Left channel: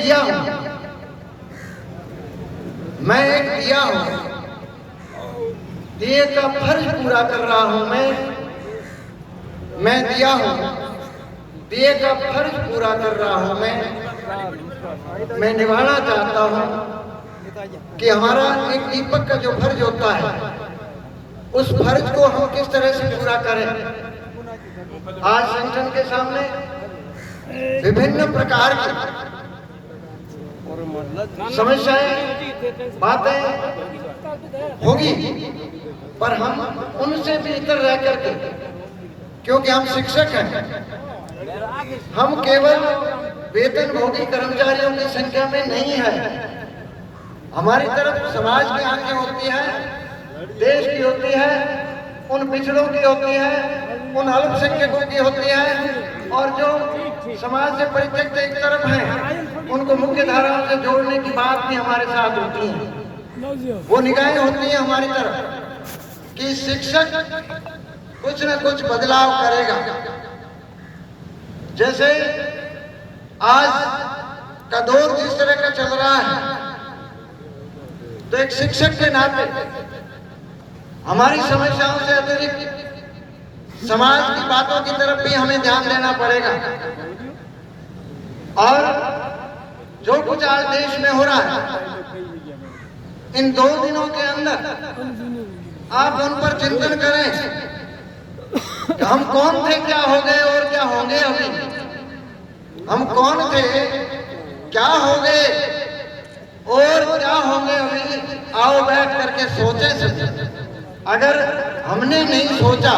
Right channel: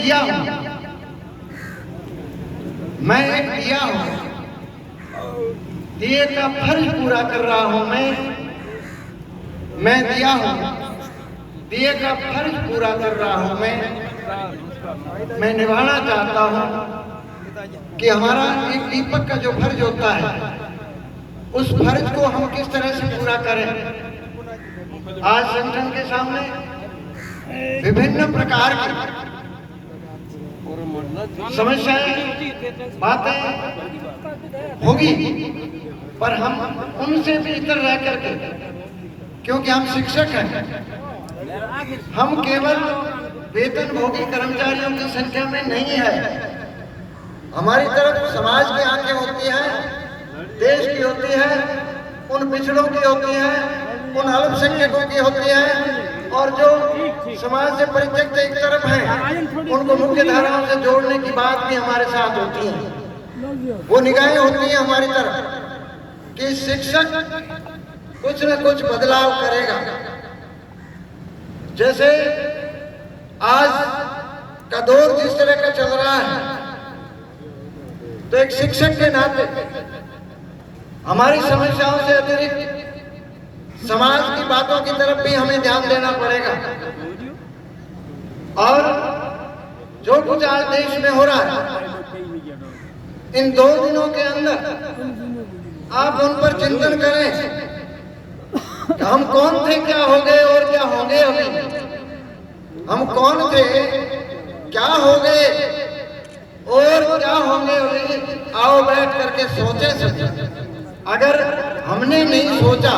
दिया हूं, मैं एक दिया हूं, दिए का फर्ज पूरा कर रहा हूं मैं दिया हूं, दिए का फर्ज पूरा कर रहा हूं मैं निभाना चाहता हूं कि हमारा एक दीपक का जो फर्ज होता है उस फर्ज को हम किस तरह से पूरा करें। आज संगठन के सामने विभिन्न प्रकार की समस्याएं बातें होगी, पर हम उनसे बेहतर रह करके, क्योंकि हम शिक्षक हैं, हम केवल वेतनभोगी कर्मचारियों की संख्या में नहीं है, हमारी तरफ समाज की आंखें होती हैं, देश की होती है, उन पिछड़ों की होती है, उन अल्पसंख्यकों की होती है, और जो समाज से परित्यक्त एक तरफ हैं उनको मुख्य धाराओं से जोड़ने की बात भी हमारे साथ होती है। वो निगाहें होती हैं हमारी तरफ कि शिक्षक कुछ न कुछ बदलाव करेगा। जैसे आज का दौर जिस तरह का चल रहा है, तो एक शिक्षक के नाते हमारी समस्याओं से अतिरिक्त समाज की बातों की तरफ भी हमें ध्यान देना पड़ेगा। और जो कुछ आज देश में हो रहा है, इन 2 दिनों के अंदर आप उन पर चिंतन करें कि हम कौन थे, क्या हो गए और क्या होंगे अभी, हम कौन थे, क्या हो गए और क्या होंगे अभी। आओ बैठ करके सोचें। अगर हमने नहीं सोचा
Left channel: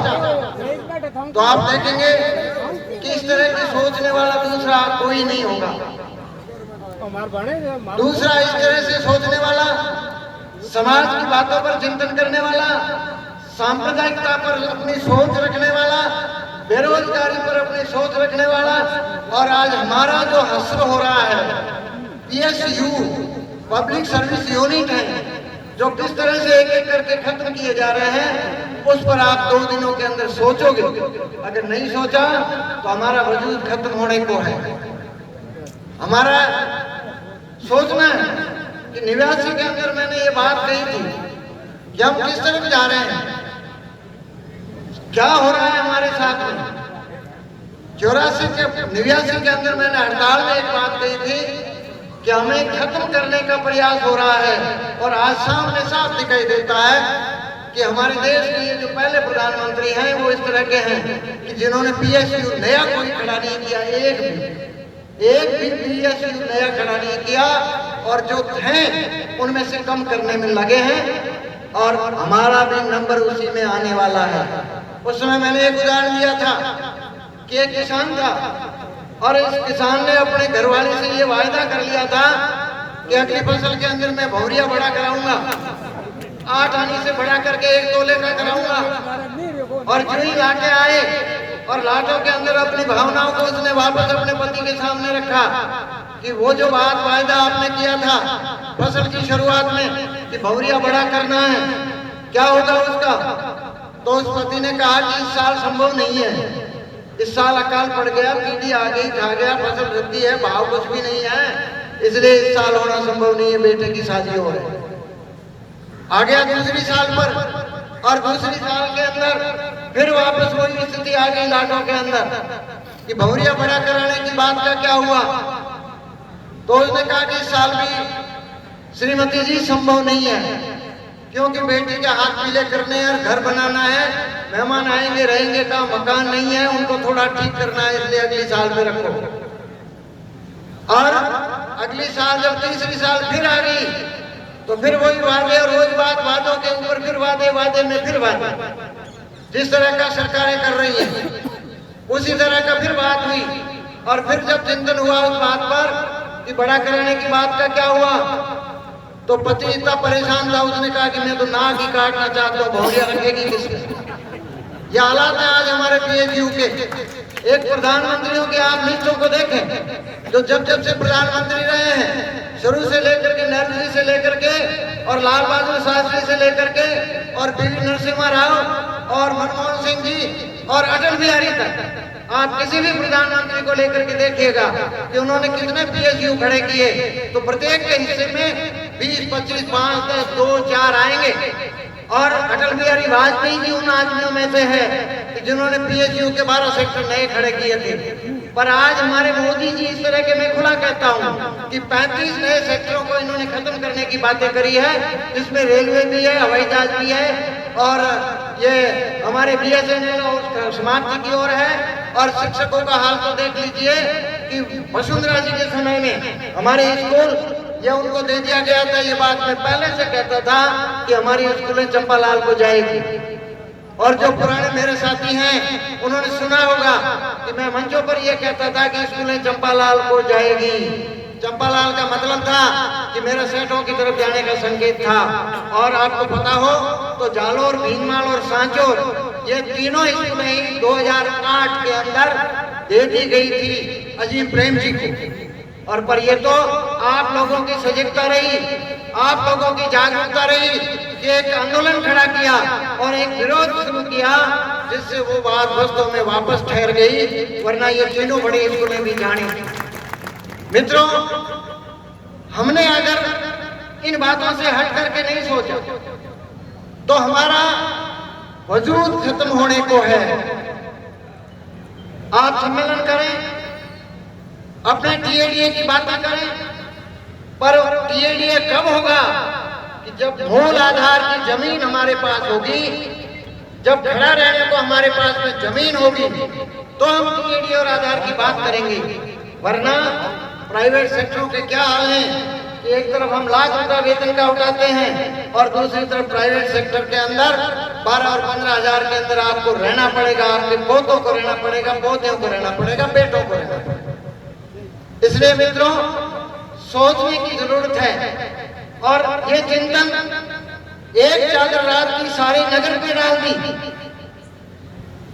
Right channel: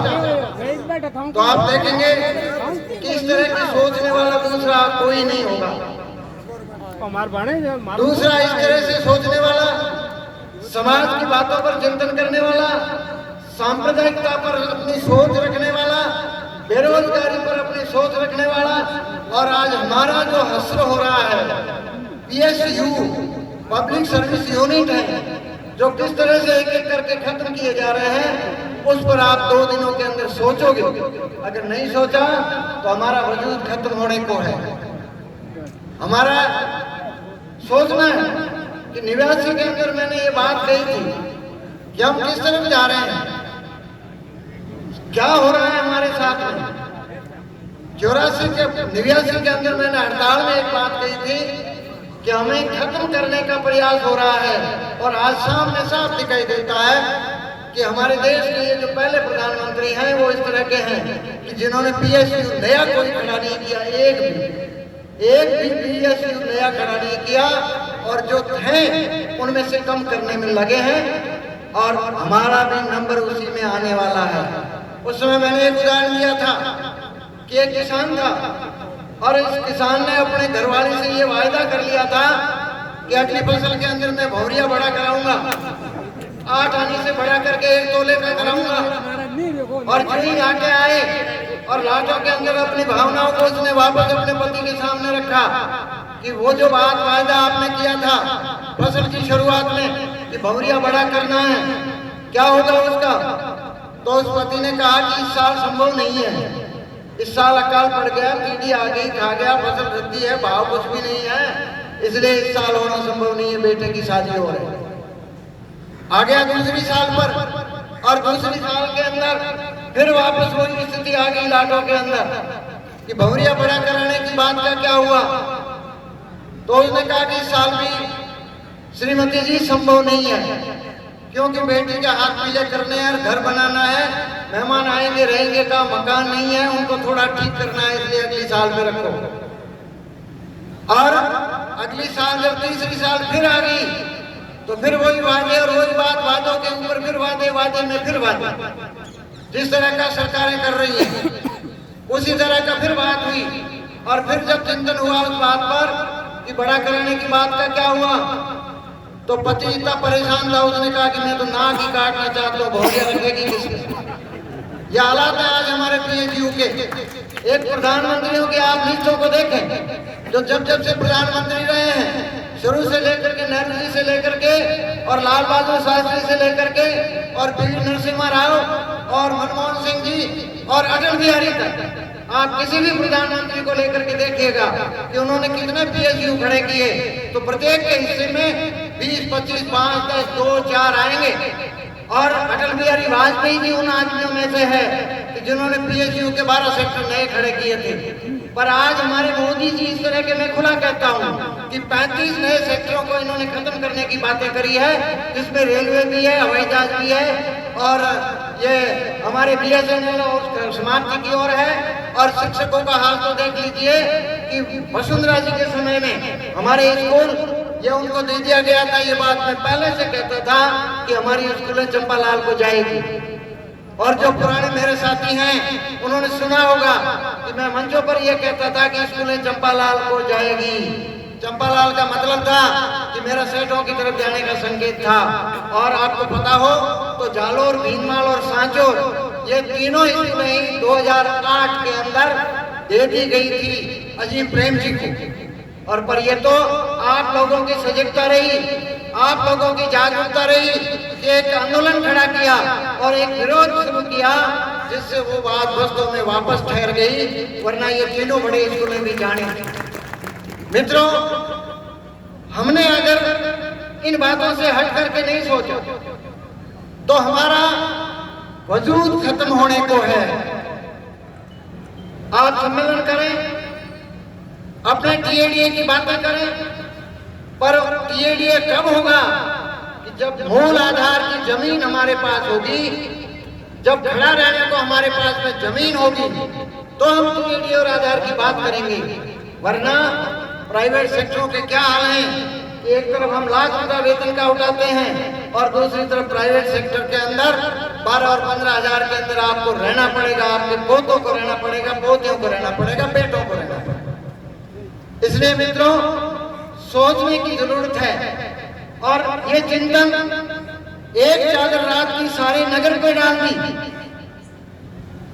तो आप देखेंगे कि इस तरह की सोचने वाला दूसरा कोई नहीं होगा। दूसरा इस तरह से सोचने वाला, समाज की बातों पर चिंतन करने वाला, सांप्रदायिकता पर अपनी सोच रखने वाला, बेरोजगारी पर अपनी सोच रखने वाला, और आज हमारा जो हश्र हो रहा है, PSU पब्लिक सर्विस यूनिट है, जो किस तरह से एक एक करके खत्म किए जा रहे हैं, उस पर आप 2 दिनों के अंदर सोचोगे। अगर नहीं सोचा तो हमारा वजूद खत्म होने को है। हमारा सोचना है कि 89 के अंदर मैंने ये बात कही थी कि हम किस तरफ जा रहे हैं, क्या हो रहा है हमारे साथ में। 89 के अंदर मैंने हड़ताल में एक बात कही थी कि हमें खत्म करने का प्रयास हो रहा है, और आज सामने साफ दिखाई देता है कि हमारे देश के ये जो पहले प्रधानमंत्री हैं वो इस तरह के हैं कि जिन्होंने PSU नया कोई खड़ा नहीं किया, एक भी PSU नया खड़ा नहीं किया, और जो थे उनमें से कम करने में लगे हैं, और हमारा भी नंबर उसी में आने वाला है। उस समय मैंने एक उदाहरण दिया था कि एक किसान था, और इस किसान ने अपने घरवाली से ये वायदा कर लिया था कि अगली फसल के अंदर मैं भौरिया बड़ा कराऊंगा, 8 आनी से बड़ा करके 1 तोले का कराऊंगा। और चिड़ी लाके आए और लाटों के अंदर अपनी भावनाओं को उसने वापस अपने पति के सामने रखा कि वो जो वायदा आपने किया था फसल की शुरुआत में कि भौरिया बड़ा करना है, क्या होगा उसका। तो उस पति ने कहा कि इस साल संभव नहीं है, इस साल अकाल पड़ गया, कीड़ी आ गई, खा गया, फसल वृद्धि है, भाव कुछ भी नहीं है, इसलिए इस साल होना संभव नहीं है, बेटे की शादी हो रही है। आ गया दूसरी साल पर, और दूसरी साल के अंदर फिर वापस वही स्थिति आ गई लाटों के अंदर कि भौरिया बड़ा कराने की बात का क्या हुआ। तो उसने कहा कि इस साल भी श्रीमती जी संभव नहीं है, क्योंकि बेटी के हाथ पीले करने और घर बनाना है, मेहमान आएंगे रहेंगे का मकान नहीं है, उनको थोड़ा ठीक करना है, इसलिए अगली साल में रखो। और अगली साल जब तीसरी साल फिर आ गई तो फिर वही वादे, और रोज बात वादों के ऊपर फिर वादे में फिर वादे। जिस तरह का सरकारें कर रही हैं उसी तरह का फिर बात हुई, और फिर जब चिंतन हुआ उस बात पर कि बड़ा कराने की बात का क्या हुआ, तो पति इतना परेशान था, उसने कहा कि मैं तो नाक ही काटना चाहता हूँ, भौरिया रखेगी किसमें। ये हालात है आज हमारे PSU के। एक प्रधानमंत्रियों की आप लिस्टों को देखें, जो जब से प्रधानमंत्री रहे हैं, शुरू से लेकर के नेहरू जी से लेकर के, और लाल बहादुर शास्त्री से लेकर के, और PV नरसिम्हा राव और मनमोहन सिंह जी और अटल बिहारी तक, आप किसी भी प्रधानमंत्री को लेकर के देखिएगा कि उन्होंने कितने PSU खड़े किए, तो प्रत्येक के हिस्से में 20, 25, 5, 10, 2, 4 आएंगे। और अटल बिहारी वाजपेयी जी उन आदमियों में से है कि जिन्होंने PSU के 12 सेक्टर नए खड़े किए थे। पर आज हमारे मोदी जी इस तरह के, मैं खुला कहता हूँ कि 35 नए सेक्टरों को इन्होंने खत्म करने की बातें करी है, जिसमें रेलवे भी है, हवाई जहाज भी है, और ये हमारे BSNL और समाप्ति की ओर है। और शिक्षकों का हाल तो देख लीजिए कि वसुंधरा जी के समय में हमारे स्कूल ये उनको दे दिया गया था। ये बात मैं पहले से कहता था कि हमारी स्कूलें चंपालाल को जाएगी। और जो पुराने मेरे साथी हैं उन्होंने सुना होगा कि मैं मंचों पर ये कहता था कि स्कूलें चंपालाल को जाएगी। चंपालाल का मतलब था कि मेरा सेठों की तरफ जाने का संकेत था। और आपको पता हो तो जालोर, भीनमाल और सांचोर ये तीनों स्कूलें 2008 के अंदर दे दी गई थी अजीम प्रेम जी को। और पर ये तो आप लोगों की सजगता रही, आप लोगों की जागरूकता रही कि एक आंदोलन खड़ा किया और एक विरोध शुरू किया, जिससे वो बात दोस्तों में वापस ठहर गई, वरना ये तीनों बड़े स्कूलें भी जाने। मित्रों, हमने अगर इन बातों से हट करके नहीं सोचा तो हमारा वजूद खत्म होने को है। आप सम्मेलन करें, अपने TADA की बातें करें, पर TADA कब होगा कि जब मूल आधार की जमीन हमारे पास होगी, जब खड़ा रहने को हमारे पास में जमीन होगी, तो हम TADA और आधार की बात करेंगे। वरना प्राइवेट सेक्टरों के क्या हाल हैं कि एक तरफ हम लाख रुपया वेतन का उठाते हैं और दूसरी तरफ प्राइवेट सेक्टर के अंदर 12 और 15 हजार के अंदर आपको रहना पड़ेगा, आपके पोतों को रहना पड़ेगा, पोतियों को रहना पड़ेगा, बेटों को रहना पड़ेगा। इसलिए मित्रों, सोचने की जरूरत है। और ये चिंतन एक चादर रात की सारी नगर पे डाल दी,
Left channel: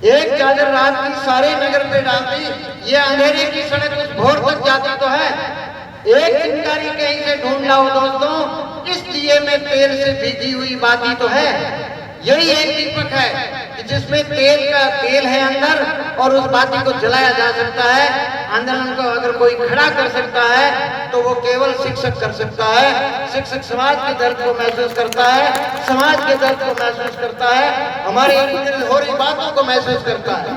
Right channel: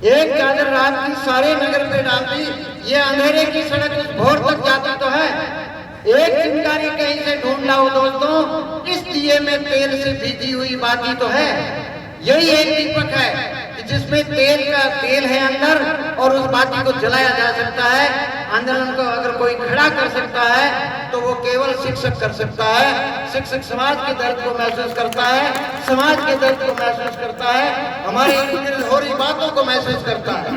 एक चादर रात की सारी नगर पे डाल दी। ये अंधेरे की सड़क उस भोर तक जाती तो है, एक चिंगारी कहीं से ढूंढ लाओ दोस्तों, इस दिए में तेल से भीगी हुई बाती तो है। यही एक दीपक है कि जिसमें तेल है अंदर, और उस बाती को जलाया जा सकता है। आंदोलन को अगर कोई खड़ा कर सकता है तो वो केवल शिक्षक कर सकता है। शिक्षक समाज के दर्द को महसूस करता है, समाज के दर्द को महसूस करता है, हमारे इर्द गिर्द हो रही बातों को महसूस करता है।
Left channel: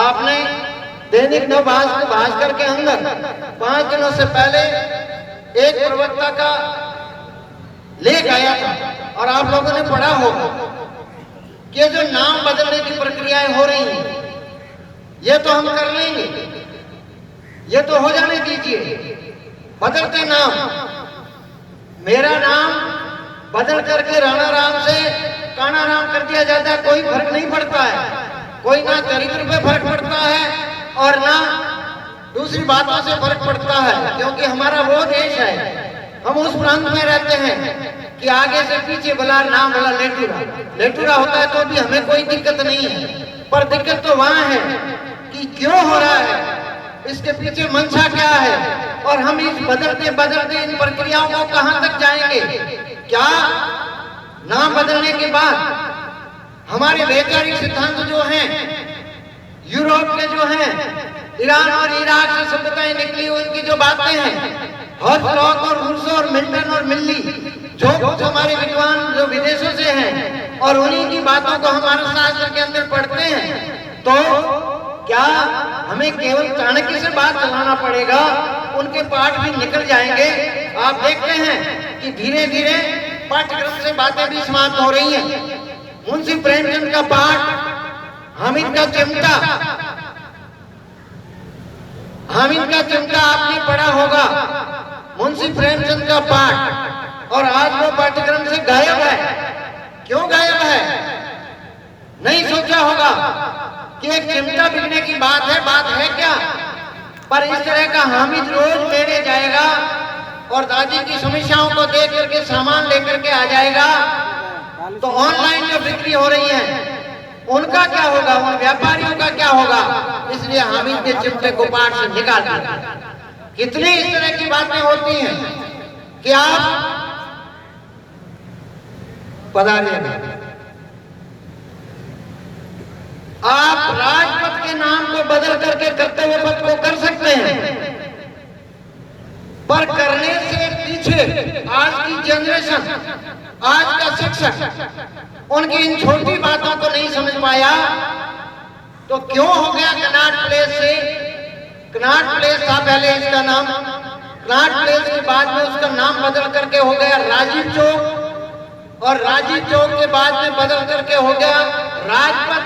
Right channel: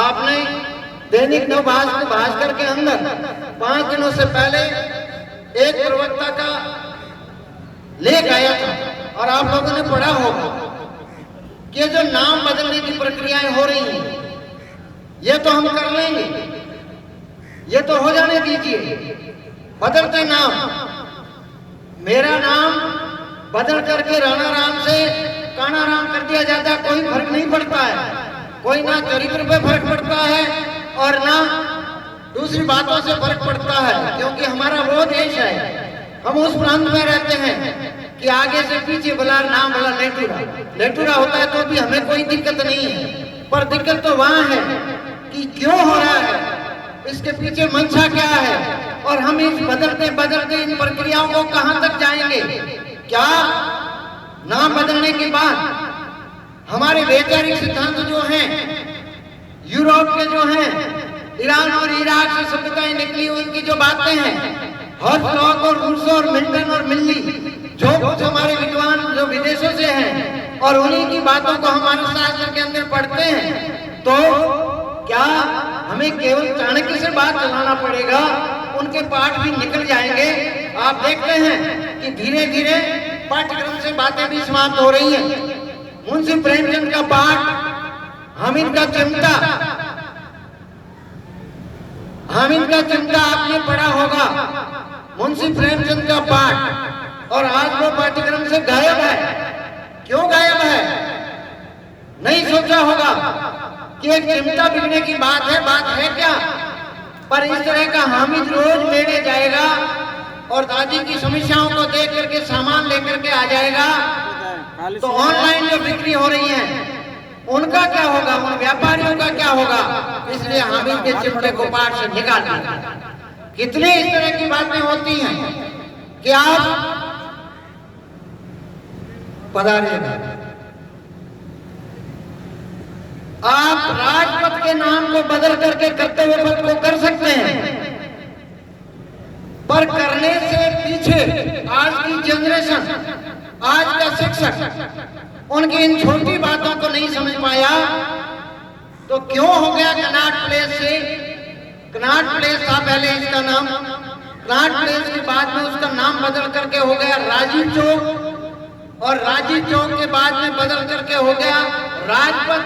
आपने दैनिक भास्कर के अंदर 5 दिनों से पहले एक प्रवक्ता का लेख आया था, और आप लोगों ने पढ़ा होगा कि जो नाम बदलने की प्रक्रियाएं हो रही हैं, ये तो हम कर लेंगे, ये तो हो जाने दीजिए। बदलते नाम, मेरा नाम बदल करके राणा राम से काना राम कर दिया जाता है, कोई फर्क नहीं पड़ता है। कोई ना चरित्र पे फर्क पड़ता है और ना दूसरी बातों से फर्क पड़ता है, क्योंकि हमारा वो देश है, हम उस प्रांत में रहते हैं कि आगे से पीछे भला नाम भला लेटूरा होता है तो भी हमें कोई दिक्कत नहीं है। पर दिक्कत तो वहां है कि क्यों हो रहा है, इसके पीछे मंशा क्या है, और हम इस बदलते इन प्रक्रियाओं को कहां तक जाएंगे। क्या नाम बदलने के बाद हमारे वैचारिक सिद्धांत जो हैं, यूरोप के जो हैं, ईरान और इराक से सभ्यताएं निकली हुई उनकी जो बातें हैं, हॉलॉक और रूसो और मिल्टन और मिल्ली, जो हमारे विद्वान जो विदेशों से हैं, और उन्हीं की बातों को हमारे शास्त्र के अंदर पढ़ते हैं, तो क्या हमें केवल चाणक्य से बात चलाना पड़ेगा, उनके पाठ भी निकल जाएंगे। आप देखते हैं कि धीरे धीरे पाठ्यक्रम से बातें भी समाप्त हो रही हैं। मुंशी प्रेमचंद का पाठ, हामिद का चिमटा आपने पढ़ा होगा, मुंशी प्रेमचंद का पाठ, और आज वो पाठ्यक्रम से गायब है। क्यों गायब है? नहीं सोचा होगा कि एक चिमटा बिकने की बात है क्या? पर इस तरह का हामिद रोज मेले जाएगा और दादी की समस्याओं को देख करके सामान लेकर के आ जाएगा, तो ऑनलाइन जो बिक्री हो रही है उनका क्या होगा, उन व्यापारियों का क्या होगा? इसलिए हामिद के चिमटे को पाठ से निकाल दिया। कितनी इस तरह की बातें होती हैं कि आप पधारिएगा, आप राजपथ के नाम को बदल करके कर्तव्य पथ को कर सकते हैं, पर करने से पीछे आज की जनरेशन, आज का शिक्षक उनकी इन छोटी बातों को नहीं समझ पाया। तो क्यों हो गया कनॉट प्लेस से, कनॉट प्लेस था पहले इसका नाम, कनॉट प्लेस के बाद में उसका नाम बदल करके हो गया राजीव चौक, और राजीव चौक के बाद में बदल करके हो गया राजपथ,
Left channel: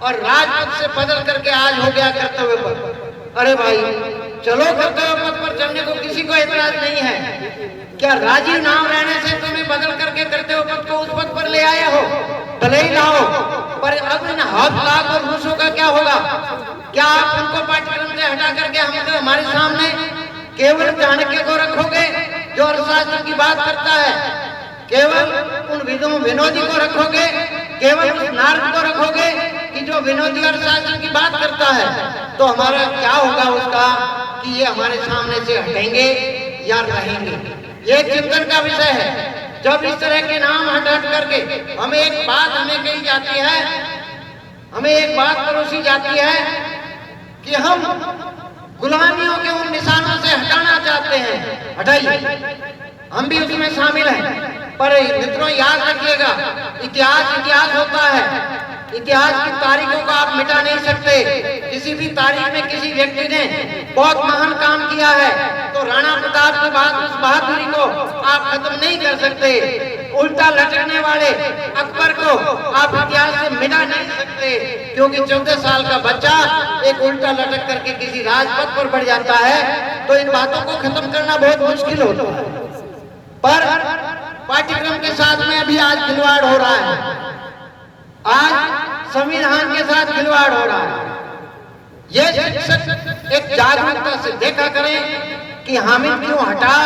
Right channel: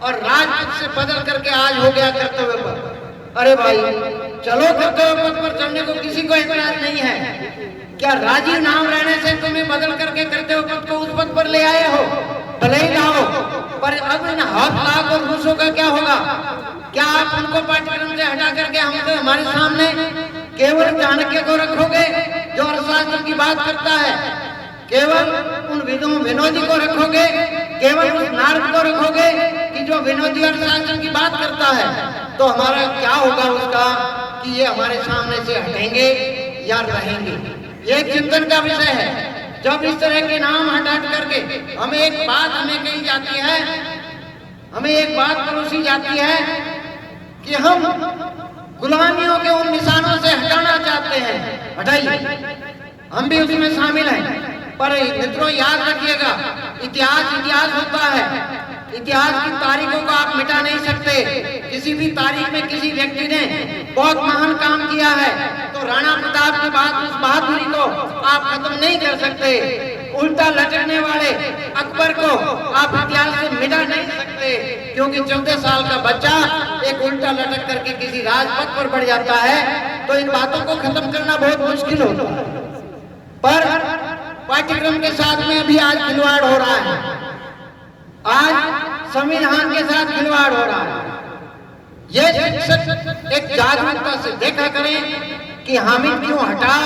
और राजपथ से बदल करके आज हो गया कर्तव्य पथ। अरे भाई चलो, कर्तव्य पथ पर चलने को किसी को एतराज नहीं है। क्या राजीव नाम रहने से तुम्हें बदल करके कर्तव्य पथ को उस पथ पर ले आए हो? भले ही लाओ, पर अब इन हाथ लाख और रूसों का क्या होगा? क्या आप उनको पाठ्यक्रम से हटा करके हमारे सामने केवल चाणक्य को रखोगे जो अर्थशास्त्र की बात करता है? केवल उन विनोदी को रखोगे? केवल उस नारद को रखोगे कि जो विनोदी अर्थशास्त्र की बात करता है? तो हमारा क्या होगा उसका कि ये हमारे सामने से हटेंगे या रहेंगे? ये चिंतन का विषय है। जब इस तरह के नाम हटा करके हमें एक बात कही जाती है, हमें एक बात परोसी जाती है कि हम गुलामियों के उन निशानों से हटाना चाहते हैं। हटाइए, हम भी उसमें शामिल हैं। पर मित्रों याद रखिएगा, इतिहास होता है। इतिहास की तारीखों को आप मिटा नहीं सकते। किसी भी तारीख में किसी व्यक्ति ने बहुत महान काम किया है तो राणा प्रताप की बात, उस बहादुरी को आप खत्म नहीं कर सकते। उल्टा लटकने वाले अकबर को आप इतिहास से मिटा नहीं सकते, क्योंकि 14 साल का बच्चा एक उल्टा लटक करके किसी राजपथ पर बढ़ जाता है तो इन बातों को खत्म करना बहुत मुश्किल होता है। पर पाठ्यक्रम के साथ में भी आज खिलवाड़ हो रहा है, आज संविधान के साथ खिलवाड़ हो रहा है। ये शिक्षक एक जागरूकता से देखा करें कि हामिद क्यों हटा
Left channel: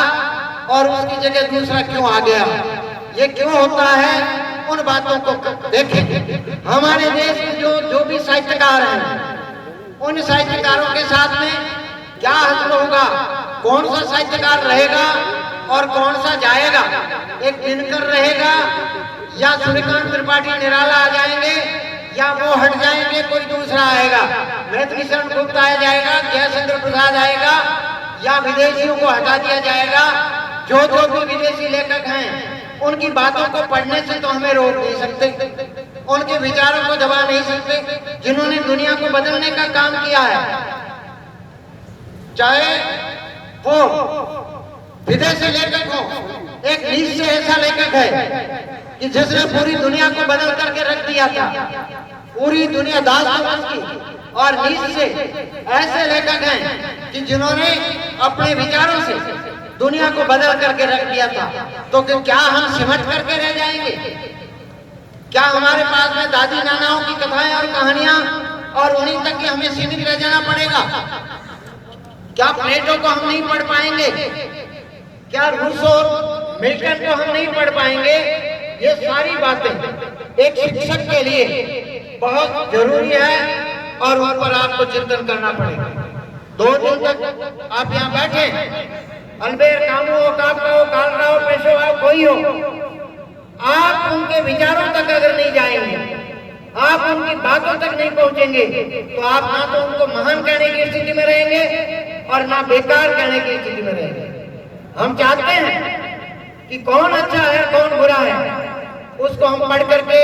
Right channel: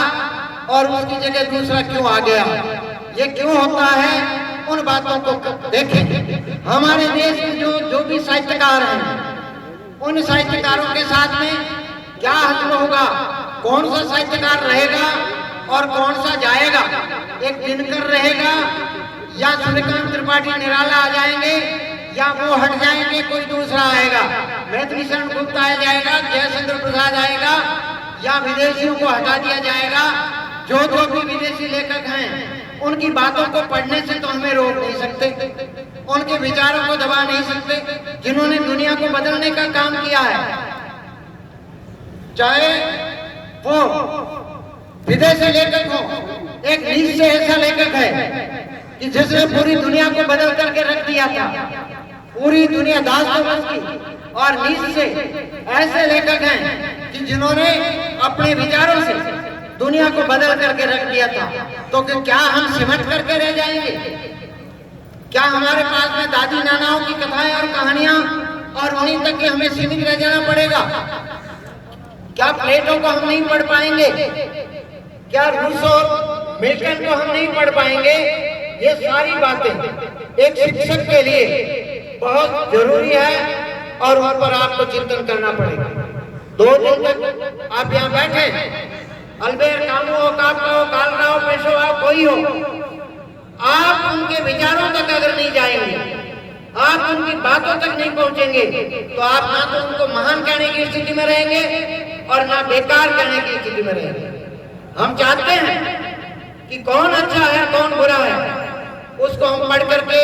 और उसकी जगह दूसरा क्यों आ गया, ये क्यों होता है, उन बातों को देखें। हमारे देश में जो भी साहित्यकार हैं, उन साहित्यकारों के साथ में क्या हल होगा, कौन सा साहित्यकार रहेगा और कौन सा जाएगा? एक दिनकर रहेगा या सूर्यकांत त्रिपाठी निराला आ जाएंगे, या वो हट जाएंगे कोई दूसरा आएगा, मैथिली शरण गुप्त आ जाएगा, जयचंद्र प्रसाद आएगा, या विदेशियों को हटा दिया जाएगा। जो भी विदेशी लेखक हैं उनकी बातों को पढ़ने से तो हमें रोक नहीं सकते, उनके विचारों को दबा नहीं सकते, जिन्होंने दुनिया को बदलने का काम किया है। चाहे वो विदेशी लेखक हो, एक नीचे ऐसा लेखक है कि जिसने पूरी दुनिया को बदल करके रख दिया था, पूरी दुनिया दास की, और नीचे ऐसे लेखक हैं कि जिन्होंने अपने विचारों से दुनिया को बदल करके रख दिया था। तो क्या हम सिमट करके रह जाएंगे? क्या हमारे पास में दादी नानाओं की कथाएं और कहानियां और उन्हीं तक के हमें सीमित रह जाना पड़ेगा? क्या प्लेटो को हम नहीं पढ़ पाएंगे? क्या रूसो मिल्टन को हम नहीं पढ़ पाएंगे? ये सारी बातें एक शिक्षक के लिए बहुत जरूरी है और उन पर आपको चिंतन करना पड़ेगा। 2 दिन तक आप यहाँ बैठे, अल्बेर कामू हो, कापका हो, कालराव, पेशो हो, कोई हो, आप उनके विचारों तक अगर नहीं जाएंगे, आप उनकी बातों तक नहीं पहुंचेंगे, तो आप ना तो उनको महान कहने की स्थिति में रहेंगे और ना बेकार कहने की स्थिति में रहेंगे। हम चाहते हैं कि कौन अच्छा है कौन बुरा है, उसको हम पढ़ करके,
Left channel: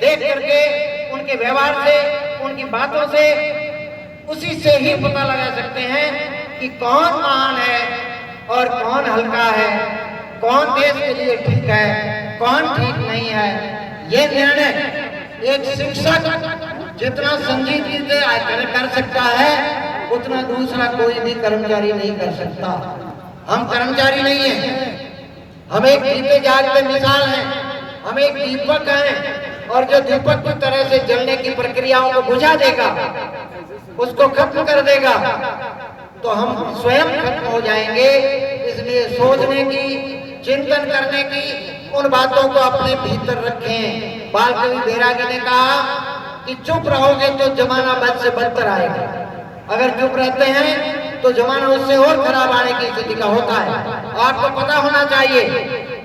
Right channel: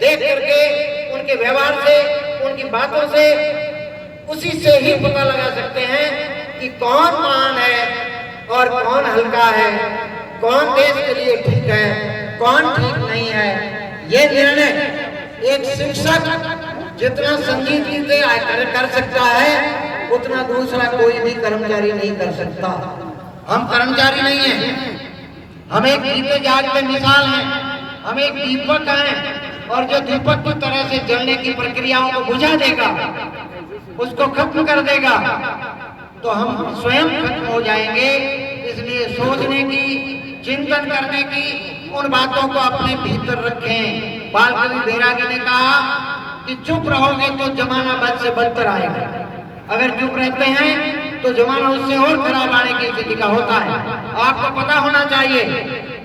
देख करके, उनके व्यवहार से, उनकी बातों से, उसी से ही पता लगा सकते हैं कि कौन महान है और कौन हल्का है, कौन देश के लिए ठीक है, कौन ठीक नहीं है। ये निर्णय एक शिक्षक जितना संजीदगी से कर सकता है, उतना दूसरा कोई भी कर्मचारी नहीं कर सकता। हम कर्मचारी नहीं हैं, हम एक जीते जागते मिसाल हैं, हम एक दीपक हैं, और जो दीपक की तरह से जलने की प्रक्रियाओं को बुझा देगा, उसको खत्म कर देगा, तो हम स्वयं खत्म हो जाएंगे। इसलिए सोचने की, चिंतन करने की, उन बातों को अपने भीतर रखें। बाल कवि बैरागी ने कहा कि चुप रहोगे तो जमाना बद से बदतर आएगा, अगर चुप रहते हैं तो जमाना उससे और खराब आने की स्थिति का होता है। आपको पता होना चाहिए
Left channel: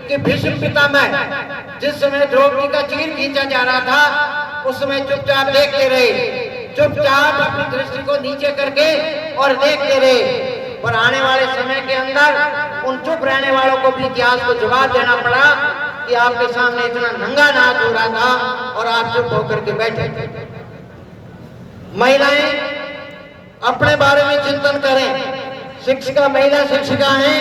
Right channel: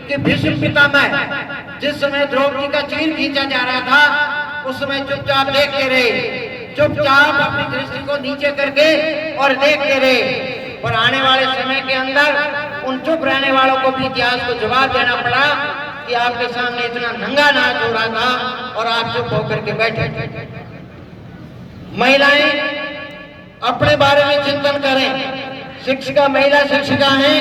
कि भीष्म पितामह जिस समय द्रौपदी का चीर खींचा जा रहा था, उस समय चुपचाप देखते रहे, चुपचाप अपनी दृष्टि को नीचे करके और देखते रहे। पर आने वाले समय के अंदर उन चुप रहने वालों को भी इतिहास को जवाब देना पड़ा कि आपके सामने इतना नंगा नाच हो रहा था और आप चुप होकर के बैठे। महिलाएं अपने बारे में चिंतन करें। शिक्षिका महिला शिक्षिका है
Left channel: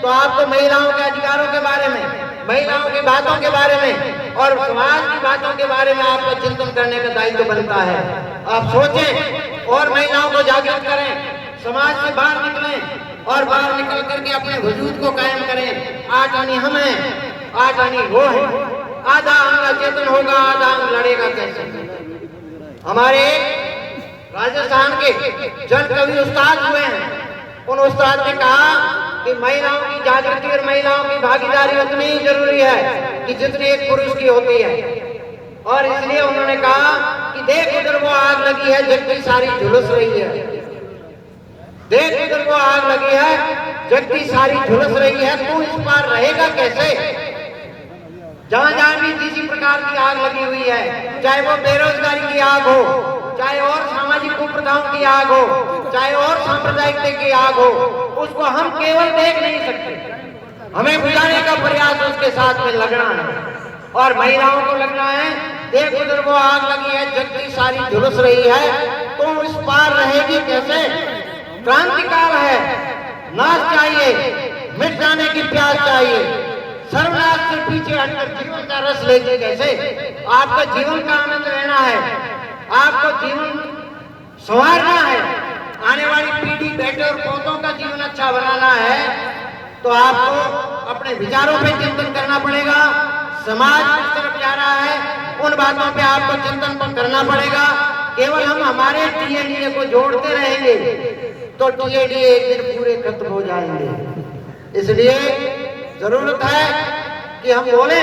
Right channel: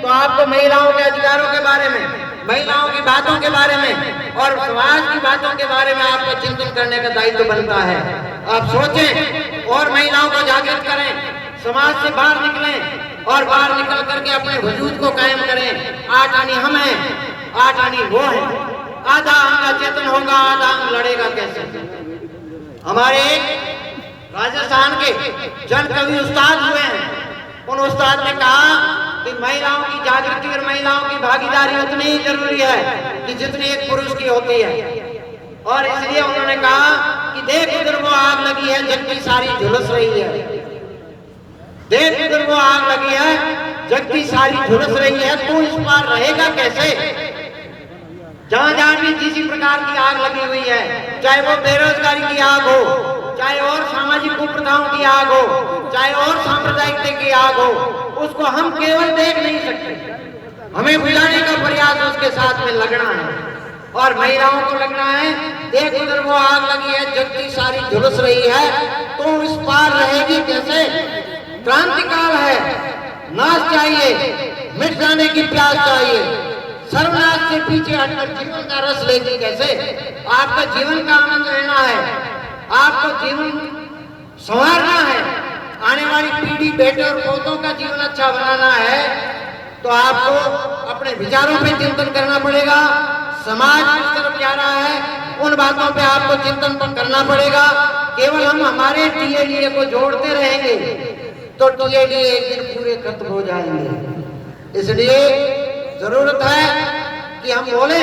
तो आपको महिलाओं के अधिकारों के बारे में, महिलाओं की बातों के बारे में और समाज की बातों के बारे में आपको चिंतन करने का दायित्व बनता है। आप सोचें और महिलाओं को जागृत करें, समाज से बाहर निकलें और बाहर निकल करके अपने वजूद को कायम करें। आज आनी हम हैं, आज आनी वो है। आधा अंग चेतन होगा, आधा अंग लड़ेगा कैसे। हमारे राजस्थान के जन कवि उस्ताद हुए हैं, उन उस्ताद ने कहा कि महिलाओं की जागृति और महिलाओं की भागीदारी उतनी ही जरूरी है कि जितनी एक पुरुष की होती है। और इसलिए उन्होंने कहा कि देख उधर को आग लगी है, जग की सारी झुलस रही है। देख उधर को आग लगी है, जग की सारी झुलस रही है, तू इस पार रहेगा कैसे। जहां जहां भी किसी प्रकार की आग लगी हुई है, चाहे वो बेरोजगारी की आग हो, चाहे और सामाजिक कुप्रथाओं की आग हो, चाहे और सांप्रदायिकता की आग हो, उसको हम केवल देख नहीं सकते, हमें बुझाने का प्रयास उसके साथ में लगना है। और महिलाओं को लगना है, देख उधर वो आग लगी है, जग की सारी झुलस रही है, तो इस पार रहेगी कैसे। क्रांति काल है, नाश चाहिए, मिट जाने की प्यास चाहिए, सर्वनाश से पीछे हटकर जीवन का रस लेगी कैसे। आपका जीवन का आनंद लेना है, आपको जीवन संवारना है, आने वाली पीढ़ी बेटे और पोतों का जीवन अच्छा बनाना है, तो आपको अपने विचारों पे चिंतन करना पड़ेगा। समाज किस तरफ जा रहा है, उन बातों पे आपको चिंतन करना पड़ेगा। केवल हम हमारे टीएडीए को जोड़ते रहेंगे तो टीएडीए एक दिन पूरे खत्म हो जाएंगे। इसलिए जरूरत है कि हम बोले,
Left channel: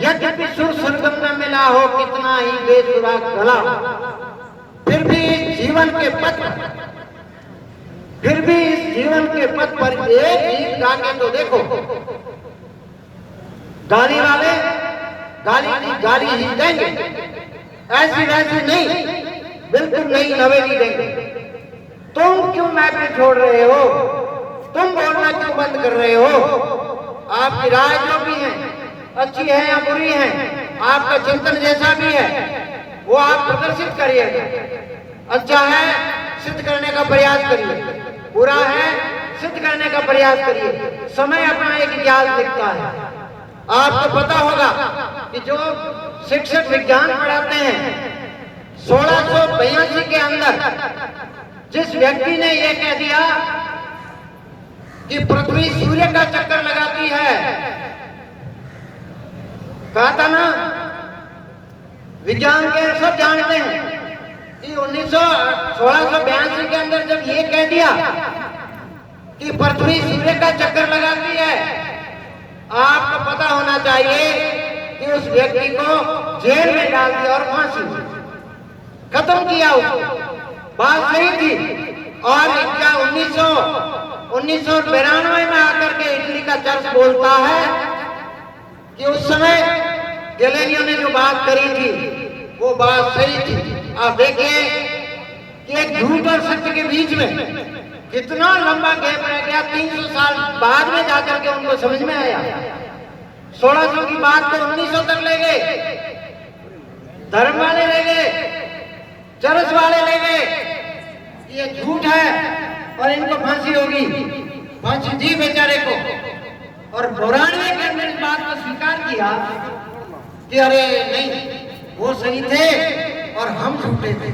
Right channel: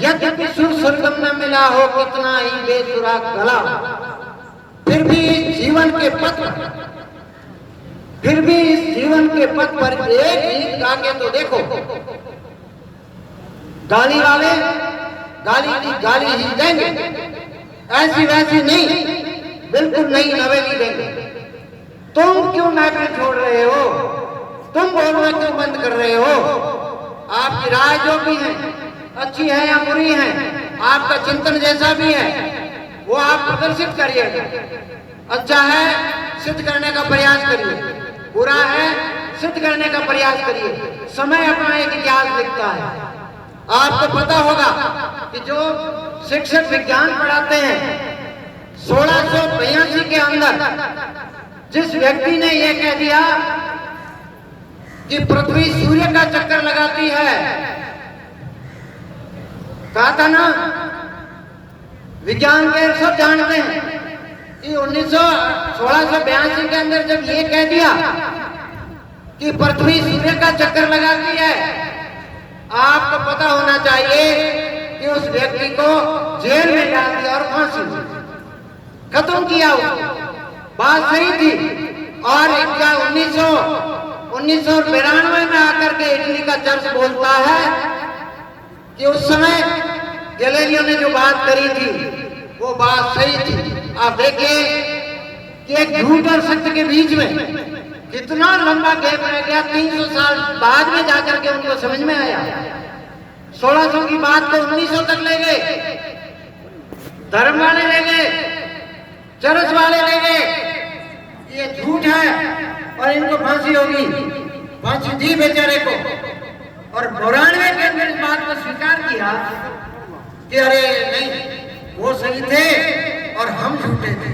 यद्यपि सुर सरगम में मिला हो कितना ही बेसुरा गला, फिर भी जीवन के पथ पर एक गीत गा के तो देखो। गाली वाले गाली ही देंगे, ऐसी वैसी नहीं, बिल्कुल नहीं, नवेली देंगे। तुम क्यों महफिल छोड़ रहे हो, तुम बोलना क्यों बंद कर रहे हो। आपकी राय जो भी है, अच्छी है या बुरी है, आपका चिंतन जैसा भी है, वो आप प्रदर्शित करिए। अच्छा है, सिद्ध करने का प्रयास करिए, बुरा है, सिद्ध करने का प्रयास करिए। समय अपना एक इतिहास लिखता है। आपको पता होगा कि जो शिक्षक विज्ञान पढ़ाते हैं, 1682 के अंदर जिस व्यक्ति ने यह कह दिया कि पृथ्वी सूर्य का चक्कर लगाती है, कहा था ना, विज्ञान के सब जानते हैं कि 1682 के अंदर जब ये कह दिया कि पृथ्वी सूर्य का चक्कर लगाती है, आपको पता होना चाहिए कि उस व्यक्ति को जेल में डाल दिया और फांसी खत्म किया उसको। बात सही थी। और 1992 में आकर के इटली का चर्च बोलता है कि उस समय गैलीलियो ने जो बात करी थी वो बात सही थी। आप देखिए कि एक झूठ और सत्य के बीच में कितना लंबा गैप रह गया। 300 साल बाद में जाकर के उनको समझ में आया। 1600 की बात को 1900 तक ले गए, धर्म वाले ले गए, चरस वाले ले गए, ये झूठ है और इनको फांसी होगी। फांसी दी बेचारे को। और 92 के अंदर इस बात को स्वीकार किया कि अरे नहीं, वो सही थे और हम झूठे थे।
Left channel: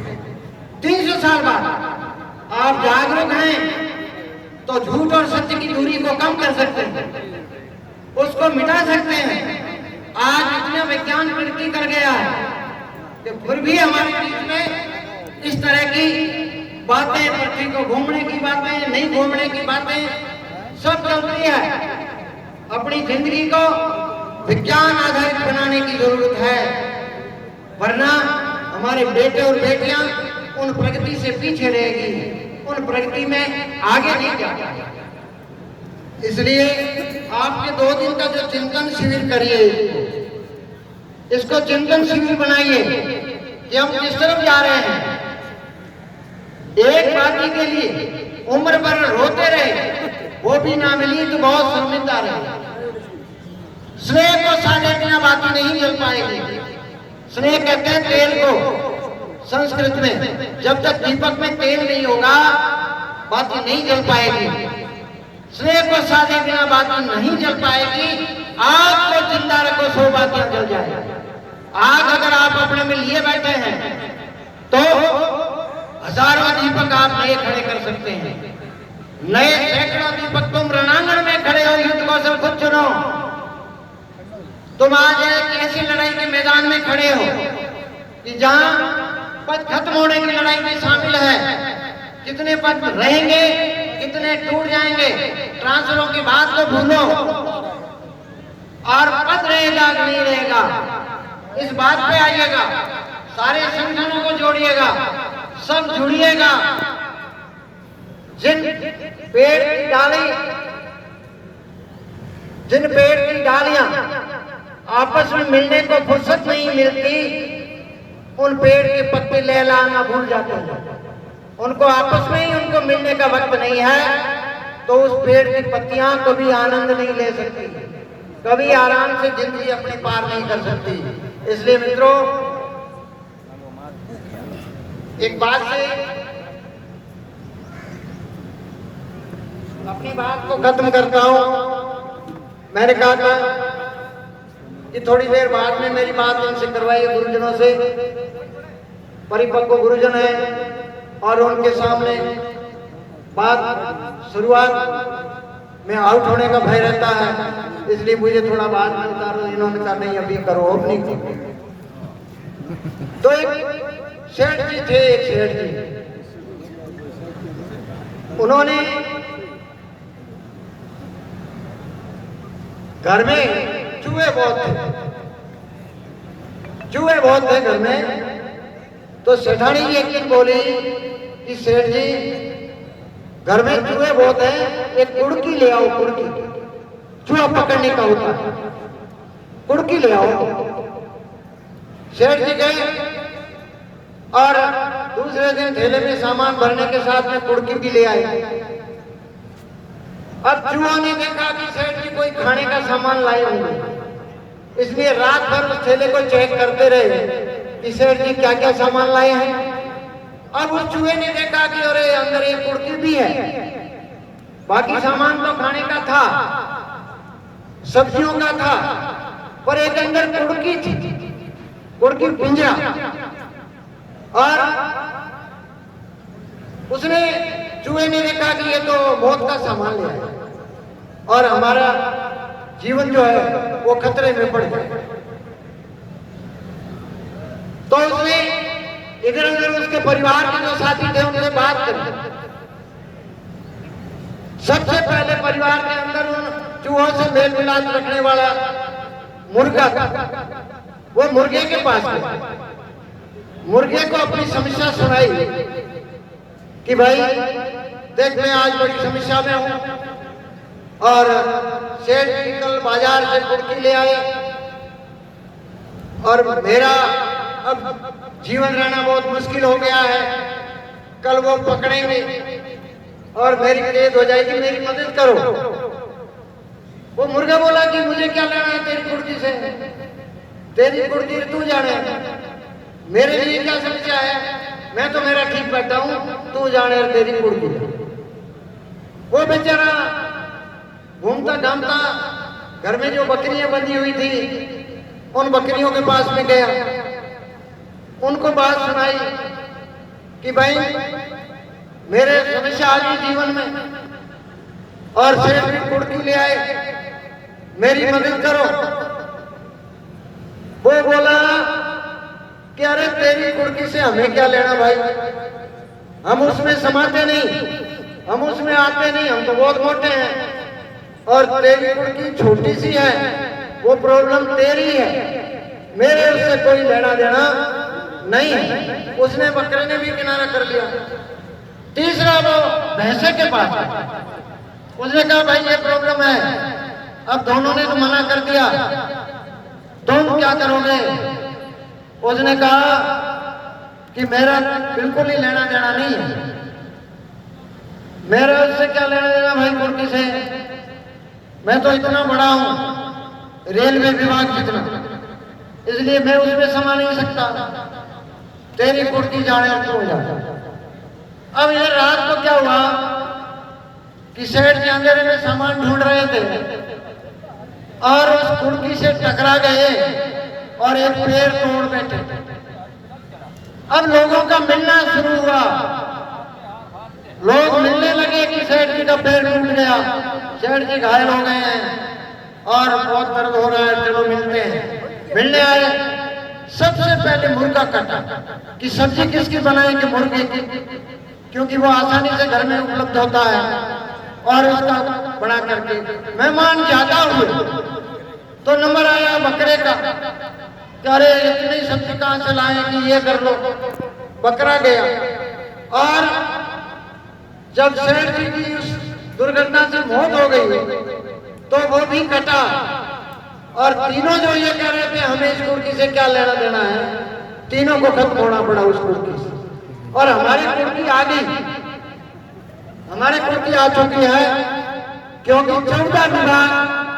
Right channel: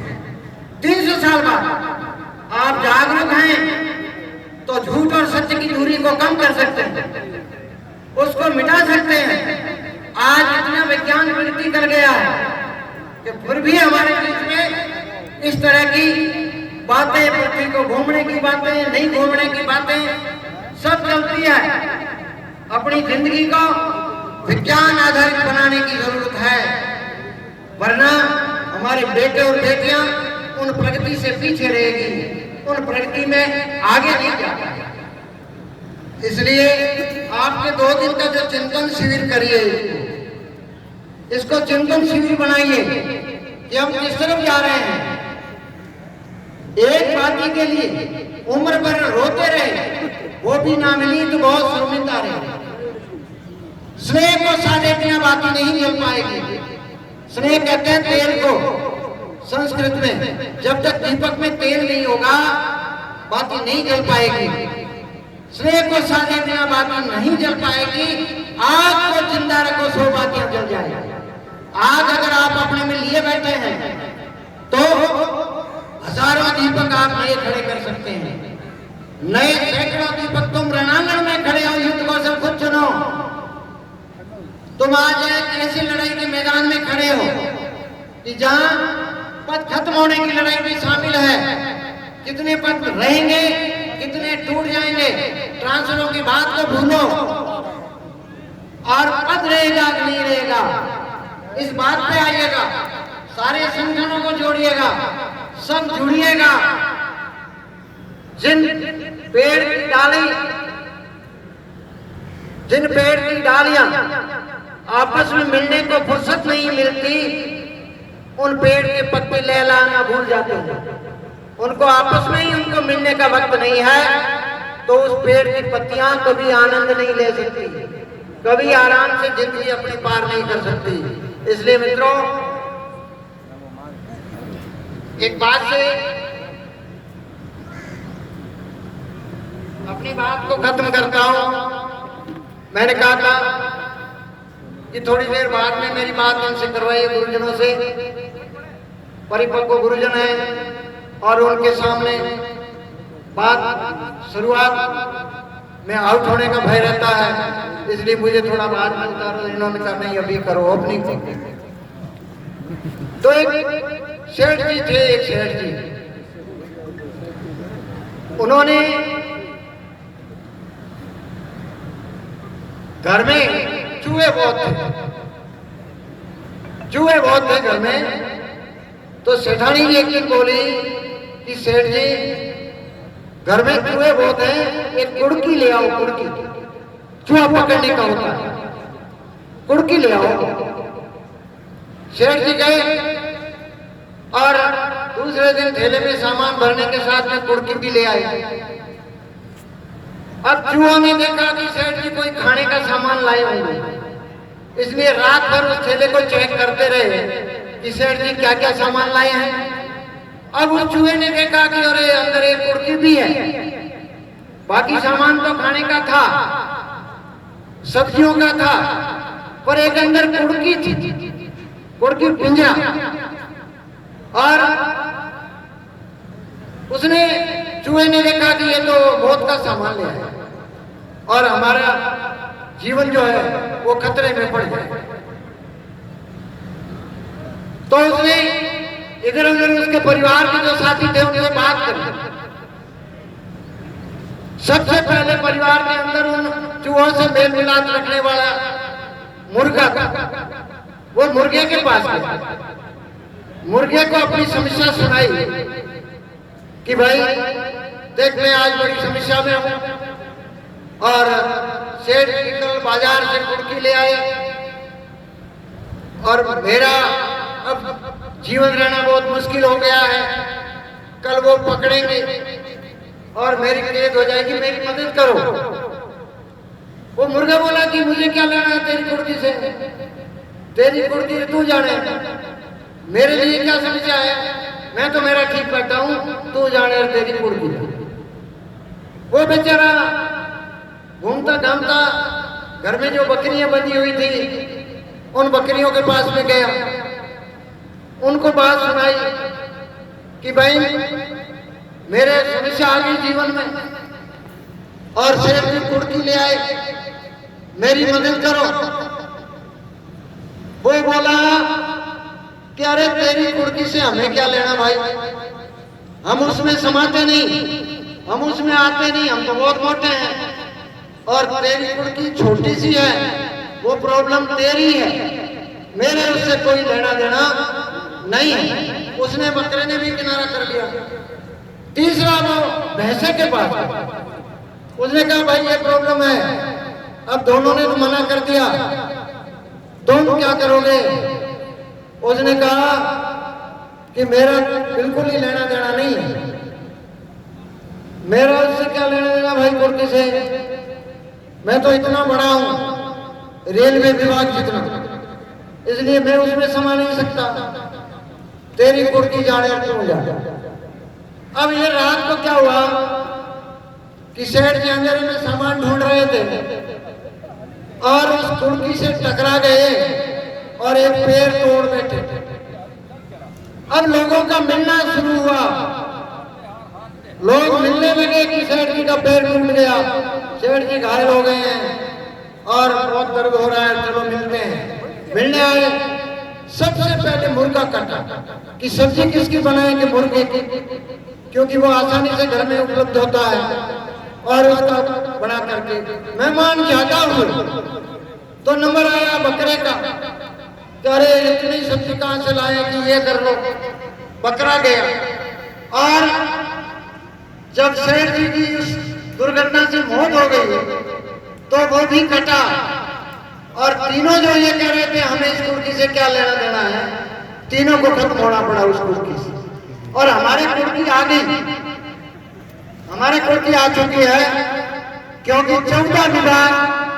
300 साल बाद आप जागरूक हैं तो झूठ और सत्य की दूरी को कम कर सकते हैं, उसको मिटा सकते हैं। आज इतना विज्ञान प्रगति कर गया है कि फिर भी हमारे बीच में इस तरह की बातें, पृथ्वी को घूमने की बातें, नहीं घूमने की बातें सब चलती है। अपनी जिंदगी को विज्ञान आधारित बनाने की जरूरत है, वरना हमारे बेटे और बेटियां उन प्रगति से पीछे रहेगी, उन प्रगति में आगे नहीं जाएगी। इसलिए आपने 2 दिन का जो चिंतन शिविर करिए, इसको चिंतन शिविर बनाइए। कि हम किस तरफ जा रहे हैं। एक बाकी के लिए उम्र भर रोते रहे, वो भी ना मिली तो बहुत शर्मिंदा रहे। स्नेह को साधे बिना बाती नहीं जल पाएगी। स्नेह कहते हैं तेल को संस्कृत में। जब तक दीपक में तेल नहीं होगा बाती नहीं जल पाएगी। स्नेह को साधे बिना बाती नहीं जल पाएगी। आग को जिंदा रखो, 100 बातियां जल जाएगी। आग अगर आप अपने में लिए बैठे हैं तो हजारों दीपक आप नए खड़े कर सकते हैं। नए सैकड़ों दीपक तुम रणांगण में खड़े हो, युद्ध कौशल खुद चुनो। तुम आज एक ऐसी लड़ाई के मैदान में खड़े हो कि जहां पद खत्म होने की लड़ाई भी शामिल है। कितने पद रहेंगे, कितने टूट जाएंगे, ट्रांसफरों की बात को भूलो और पद रहेगा कि नहीं रहेगा इस बात पे आइएगा। सारे संगठनों को जोड़िएगा, सब जुड़िएगा। जिन पेड़ की डालियां आपस में मिलने को फुर्सत नहीं मिलती, उन पेड़ के पत्ते लहलाना भूल जाते हैं। उनको आपस में ही उनको मिलने का वक्त नहीं है, तो उस पेड़ की पत्तियां कभी आनंद नहीं ले सकती, कभी आराम से जिंदगी अपनी पार नहीं कर सकती। इसलिए मित्रों, एक बात से अपनी बात को खत्म करता हूं। मैंने कहा था कि थोड़ी देर बाद में मेरी बात इनसे करवाइए, गुरुजनों से। परिपक्व गुरुजन है और उनके सामने बात शुरुआत में आउट होने का भय रहता है, इसलिए मुझे थोड़ा बाद में उतारो। इन्होंने कहा नहीं अभी करो, ओपनिंग करो। तो एक सेठ जी थे, एक सेठ जी, उन्होंने घर में चूहे बहुत थे घर में। तो सेठानी जी एक दिन बोली कि सेठ जी घर में चूहे बहुत हैं, एक कुड़की ले आओ। कुड़की चूहा पकड़ने का होता है, कुड़की ले आओ। सेठ जी गए और दूसरे दिन थैले में सामान भरने के साथ में कुड़की भी ले आए। अब चूहों ने देखा कि सेठ जी कोई खाने का सामान लाए होंगे, इसलिए रात भर उस थैले को चेक करते रहे कि सेठ जी क्या क्या सामान लाए हैं। अब उस चूहे ने देखा कि अरे अंदर एक कुड़की भी है, बाकी सामान तो खाने का था, सब्जियों का था, पर एक अंदर कुड़की थी, कुड़की पिंजरा। और उसने चूहे ने देखा कि ये तो मौत का सामान ले आया और हमारा जीवन जो है वो खतरे में पड़ जाए। तो उसने इधर उधर उसके परिवार के जो साथी थे उनसे बात करी। सबसे पहले परिवार के अंदर उन चूहों से मेल मिलाप रखने वाला मुर्गा था, वो मुर्गे के पास गया। मुर्गे को अपनी समस्या सुनाई कि भाई देख, मैं आज बड़ी समस्या में हूं और सेठ जी कल बाजार से कुड़की ले आए और मेरा अब जीवन रहना बहुत मुश्किल हो गया है। कल वो पकड़ेंगे और मेरी मदद हो जाएगी, मेरी मदद करो। वो मुर्गा बोला कि मुझे क्या लेना है तेरी कुड़की से, तेरी कुड़की तू जाने, मेरे लिए क्या समस्या है, मैं तो मेरा ठीक बैठा हूं, तू जाने तेरी कुड़की। वो बेचारा घूमता घामता घर में जो बकरियां बंधी हुई थी उन बकरियों के पास में गया, उनको बात सुनाई कि भाई मेरे समस्या आ गई जीवन में और सेठ जी कुड़की ले आए, मेरी मदद करो। वो बोला कि अरे तेरी कुड़की से हमें क्या लेना भाई, हम उसमें समाते नहीं, हम उसमें आते नहीं, हम तो बहुत मोटे हैं और तेरी कुड़की छोटी सी है, वो प्रॉब्लम तेरी है, मेरे उससे कोई लेना देना नहीं है। उसने बकरे ने भी किनारा कर लिया। तीसरा वो भैंसे के पास, उसने कहा भाई ये प्रॉब्लम है, अब दोनों ने तो मना कर दिया, तुम क्या करोगे? उसने कहा कि मेरा बिल्कुल ही लेना देना नहीं है। मेरा उससे क्या लेना देना भाई कुर्की से? मैं तो इतना बड़ा हूं, रेलवे विभाग जितना, इसलिए मैं उसमें समा नहीं सकता। तेरी कुर्की जाने क्यों जा। अब ये रात को क्या हुआ कि सेठ जी अंधेरे में सामान ढूंढ रहे थे और उस कुर्की से टकरा गए और एक पेड़ तोड़ बैठे। अब लोगों का मिलना शुरू हुआ, लोग मिलने लगे कि सेठ जी का पेड़ टूट गया, सेठ जी घायल हो गए हैं और बहुत दर्द हो रहा है, चलो मिलते हैं। मिलने आए, सबसे पहले मुर्गा काटा कि सब्जी किसकी बनाएंगे? मुर्गे की, क्योंकि वो आसानी से घर में उपलब्ध होता है और उसका बना करके। मेहमान ज्यादा हुए तो नंबर आया बकरे का, अरे इतनी सब्जी कहां से लाए कि ये कर लो। बकरा गया और जब सेठ जी की इस दुर्घटना से मौत हो गई तो वो भी कटा और तीनों जो ये कह रहे थे हमें इस कुर्की से क्या लेना देना है, तीनों को खत्म होना पड़ा उस कुर्की से। और हमारी कुर्की आ गई, हमारी कुर्की आ चुकी है क्योंकि 14 विभाग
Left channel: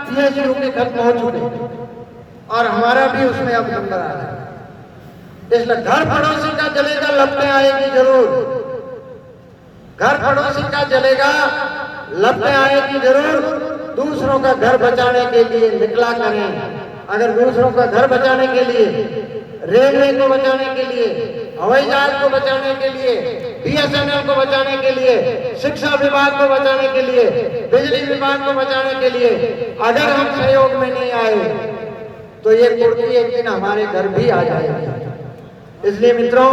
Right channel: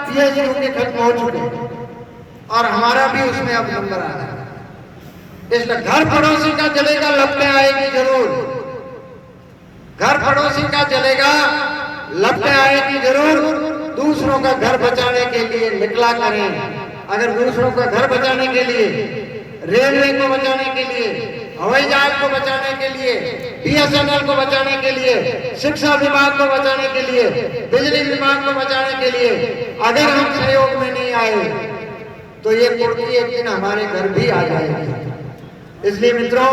पीएचयू के खत्म हो चुके और हमारा भी उसमें अब नंबर आ गया। इसलिए घर पड़ोसी का जलेगा, लपटें आएगी जरूर। घर पड़ोसी का जलेगा, लपटें आएगी जरूर। दूसरों का घर बचाने के लिए निकला करें। अगर दूसरों का घर बचाने के लिए, रेलवे को बचाने के लिए, हवाई जहाज को बचाने के लिए, बीएसएनएल को बचाने के लिए, शिक्षा विभाग को बचाने के लिए, बिजली विभाग को बचाने के लिए अगर हम सहयोग में नहीं आए तो ये कुर्की एक दिन हमारे घर भी आ जाएगी। इसलिए मित्रों,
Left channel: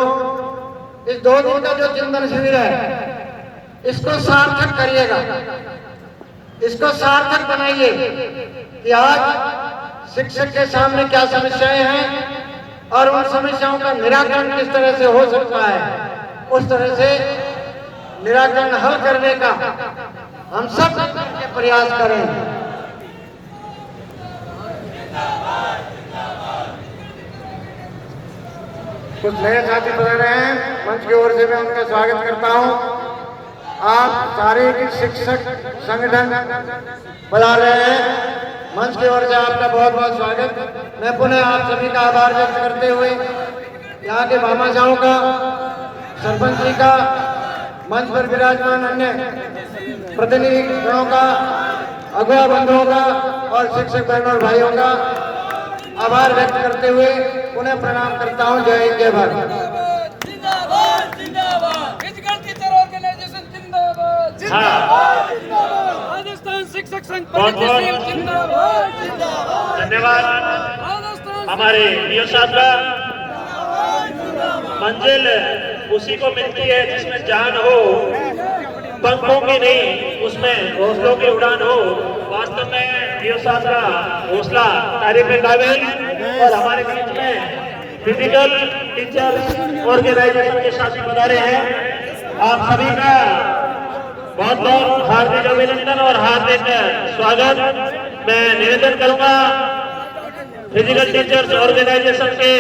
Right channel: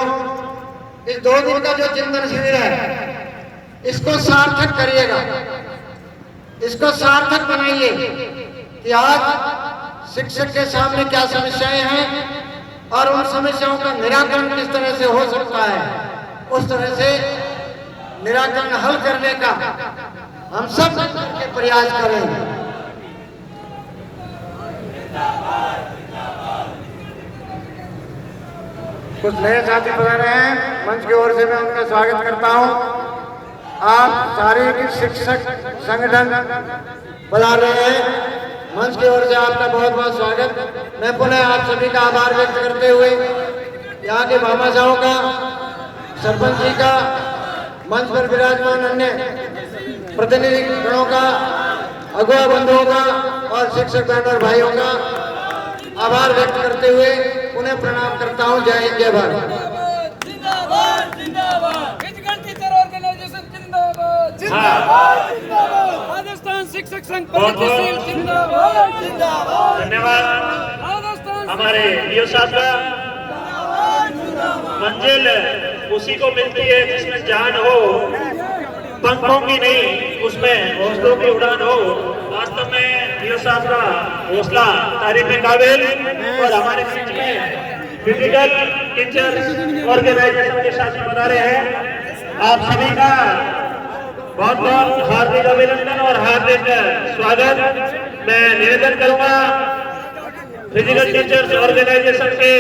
इस 2 दिन का जो चिंतन शिविर है इसको सार्थक करिएगा, इसको सार्थक बनाइए कि आज शिक्षक के सामने क्या समस्याएं हैं और उन समस्याओं का निराकरण किस तरह से हो सकता है, उस तरह से निराकरण हल करने का हम सब के प्रयास करें। कुछ नए साथी बता रहे हैं, मंच की ओर से मैं उनका स्वागत करता हूं। आप शारीरिक शिक्षक संगठन बता रहे हैं, मंच की ओर से आपका बहुत बहुत स्वागत। मैं पुनः आप सभी का आभार व्यक्त करते हुए यहाँ के भामाशाहों का, सरपंच जी का, मंच पर विराजमान अन्य प्रतिनिधि गणों का, अगुआ बंधुओं का और शिक्षक बहनों और भाइयों का आभार व्यक्त करते हुए उन्हें प्रणाम करता हूं। जय हिंद, जय भारत। जिंदाबाद जिंदाबाद, फिजिकल टीचर ऑर्गेनाइजेशन जिंदाबाद जिंदाबाद जिंदाबाद, राजस्थान शिक्षक संघ प्रगतिशील जिंदाबाद जिंदाबाद। धन्यवाद। हमारे डीओ साहब का मंजिल उसी को मिलती है जिसमें जान हो, पंखों की नहीं उसमें हौसलों की उड़ान हो। वास्तव में डीओ साहब का हौसला तारीफ काबिल। और हमारे बीच में फिजिकल टीचर ऑर्गेनाइजेशन के साथी बता रहे हैं, आप सभी का बहुत बहुत हार्दिक अभिनंदन और हार्दिक स्वागत। मैं निवेदन करूंगा फिजिकल टीचर्स ऑर्गेनाइजेशन के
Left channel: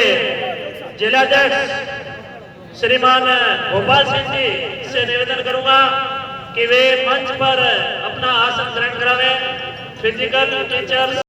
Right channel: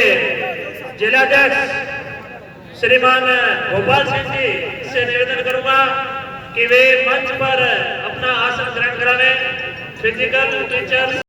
जिलाध्यक्ष श्रीमान गोपाल सिंह जी से निवेदन करूंगा कि वे मंच पर अपना आसन ग्रहण करावें। Physical teachers